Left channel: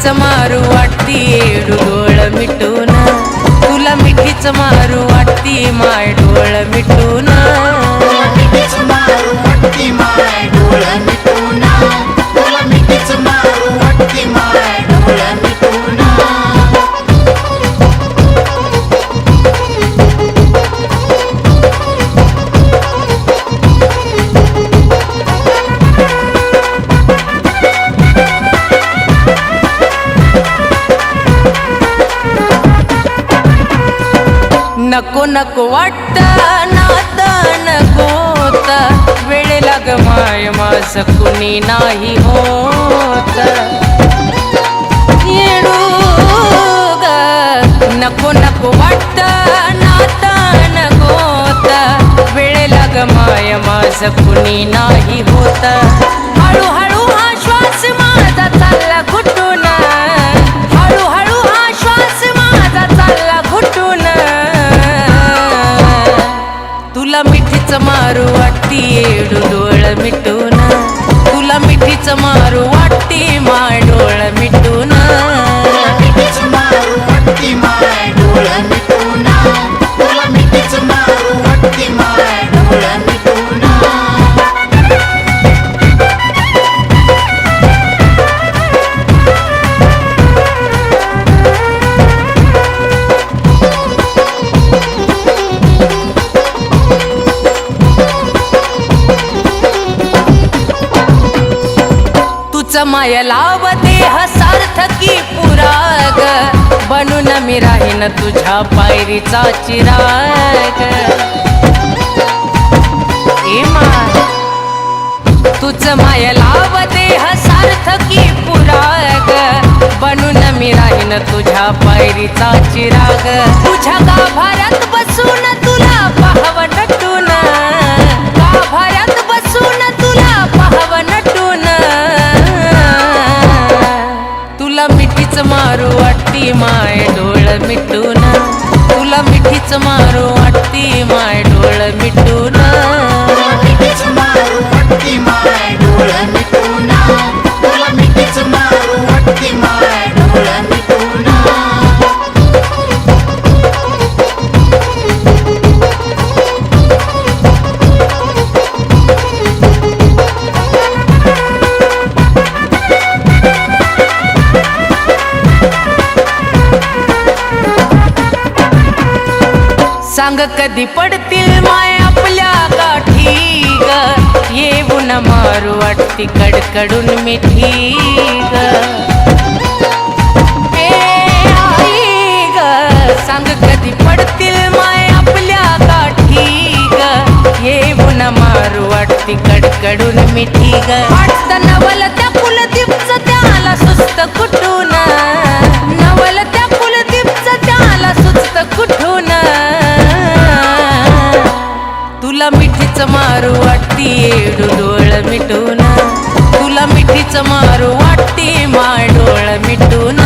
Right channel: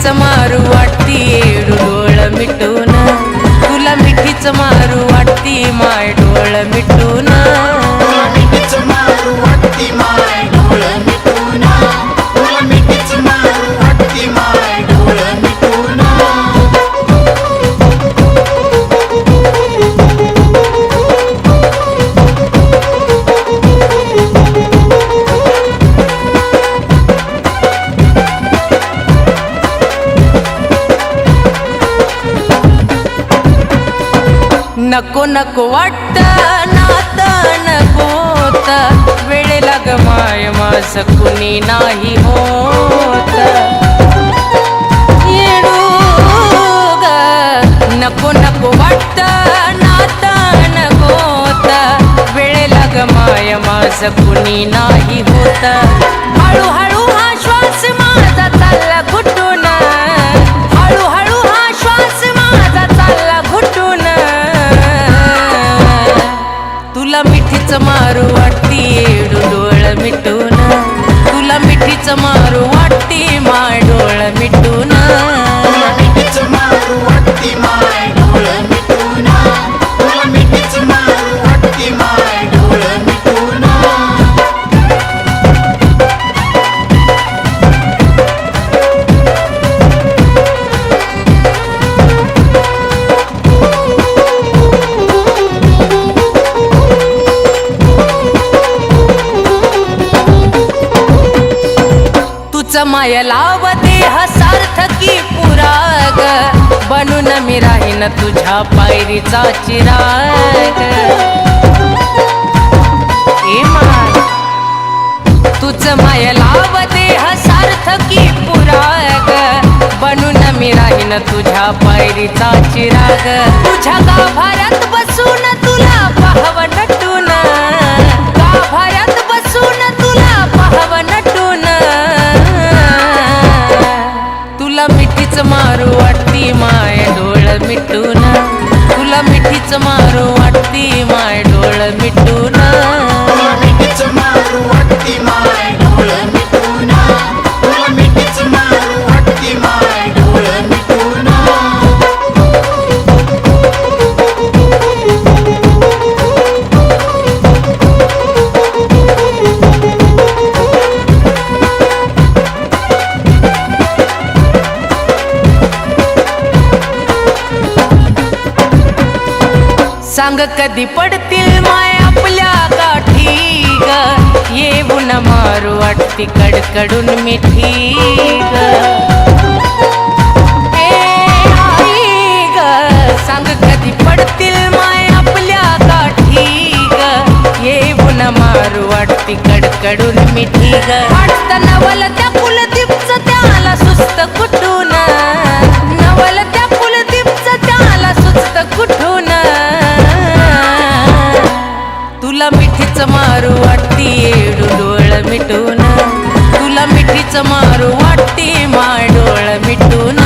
मिठीच मारू वाटती येडू डोळ मिटून, तुला मिठीच मारू वाटती माय डोळ मिटून. नको नको वाटत नात नकोत, वेळेला ग माय माझ कुणी नाही होत. येडू ग नको नको वाटत नात नकोत, वेळेला ग माय माझ कुणी नाही होत. हळूहळू हा श्वास माझा चालला घुटून, हळूहळू हा श्वास माझा चालला घुटून. तुला मिठीच मारू वाटती येडू डोळ मिटून, तुला मिठीच मारू वाटती माय डोळ मिटून. माय लाव देह सार्थकी पुराग, बनून मी राहीन तुझ्या पायरीचा चिराग. ए माय तुझ माय लाव देह सार्थकी पुराग, बनून मी राहीन तुझ्या पायरीचा चिराग. तुझ्या गाभाऱ्यात बसून तुला पाहव नटून, गाभाऱ्यात बसून तुला पाहव नटून. तुला मिठीच मारू वाटती माय डोळ मिटून, तुला मिठीच मारू वाटती माय डोळ मिटून. सांग कधी पडतील माय आपल्या गाठी ग, येऊन मारू वाटती कडकडून मिठी ग. आई ग सांग कधी पडतील माय आपल्या गाठी ग, येऊन मारू वाटती कडकडून मिठी ग. वाटत नवल त्या कुलदीपच त्याला सुस्त कुठून, नवल त्या कुलदीपच त्याला सुस्त कुठून. तुला मिठीच मारू वाटती येडू डोळ मिटून, तुला मिठीच मारू वाटती माय डोळ मिटून.